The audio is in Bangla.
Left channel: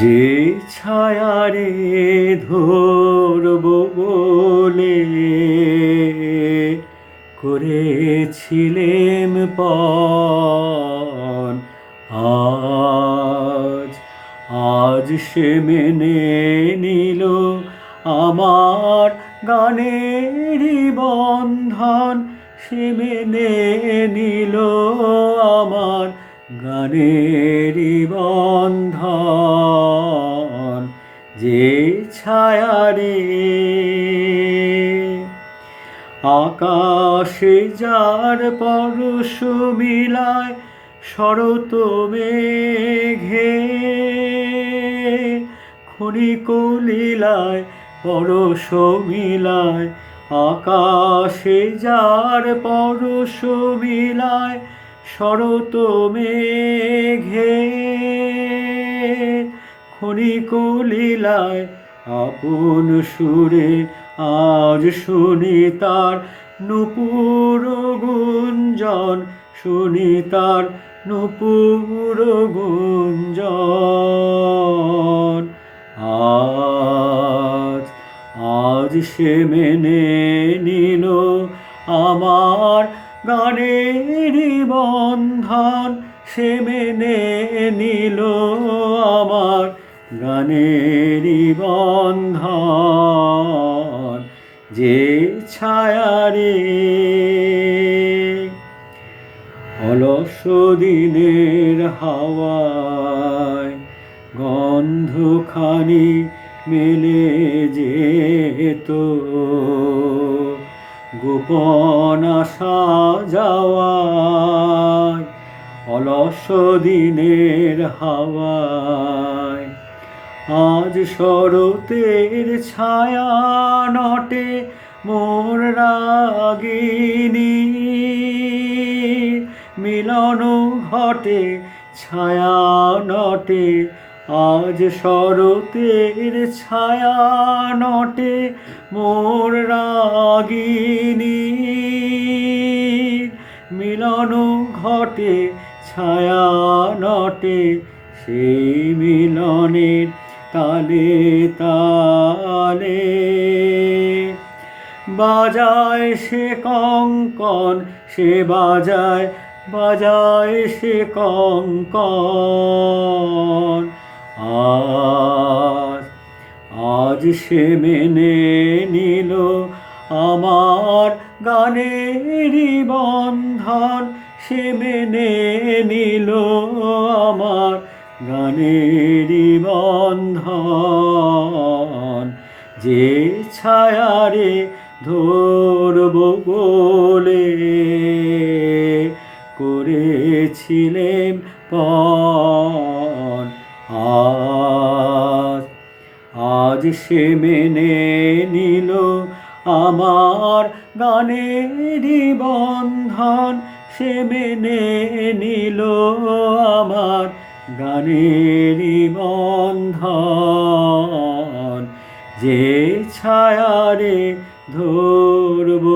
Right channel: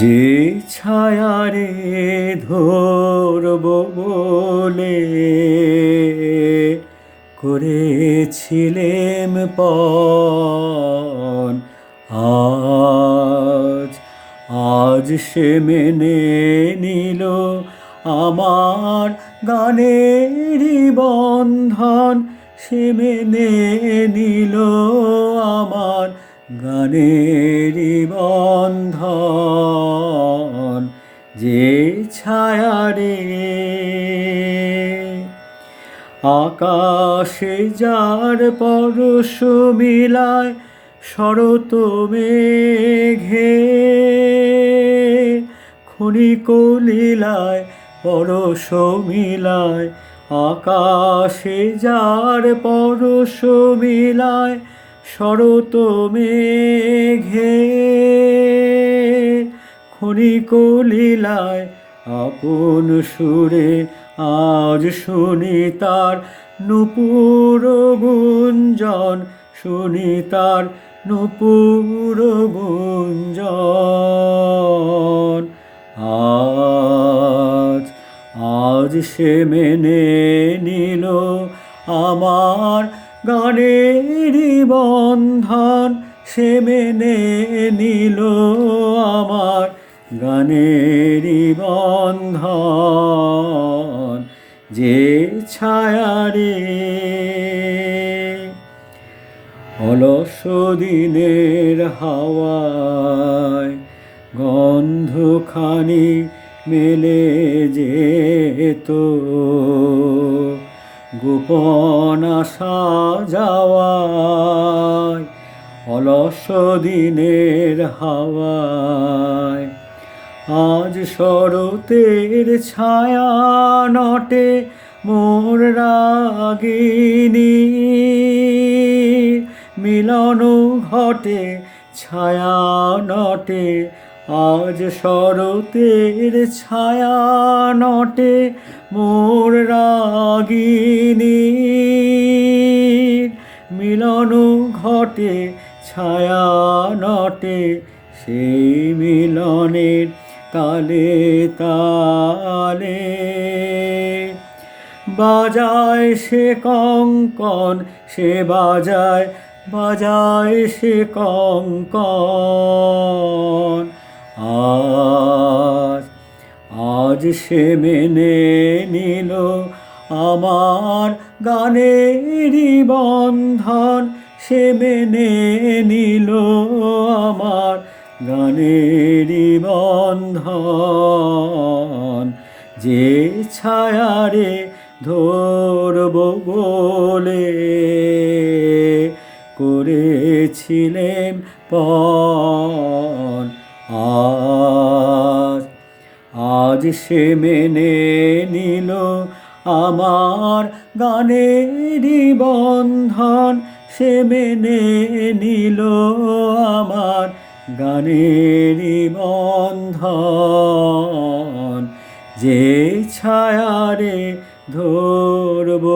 যে ছায়ারে ধরব বলে করেছিলেম পণ, আজ আজ সে মেনে নিল আমার গানেরই বন্ধন। সে মেনে নিল আমার গানেরই বন্ধন। যে ছায়ারে আকাশে যার পরশ মিলায় শরৎ মেঘে, ক্ষণিক লীলায় পরশ মিলায় আকাশে যার পরশ মিলায় শরৎ মেঘে, ক্ষণিক লীলায় আপন সুরে আজ শুনি তার নূপুর গুঞ্জন, শুনি তার নূপুর গুঞ্জন। আজ আজ সে মেনে নিল আমার গানেরই বন্ধন। সে মেনে নিল আমার গানেরই বন্ধন। যে ছায়ারে অলস দিনের হাওয়ায় গন্ধখানি মেলে যেত, গোপন আসা যাওয়ায় অলস দিনের হাওয়ায়। আজ শরতের ছায়া নটে মোর রাগিনী, মিলন ঘটে ছায়া নটে। আজ শরতের ছায়া নটে মোর রাগিনী, মিলন ঘটে ছায়া নটে। সেই মিলনের তালে তালে বাজায় সে কঙ্কন, সে বাজায় বাজায় সে কঙ্কন। আজ আজ সে মেনে নিল আমার গানেরই বন্ধন। সে মেনে নিল আমার গানেরই বন্ধন। যে ছায়ারে ধরব বলে করেছিলেম পণ, আজ আজ সে মেনে নিল আমার গানেরই বন্ধন। সে মেনে নিল আমার গানেরই বন্ধন। যে ছায়ারে ধরব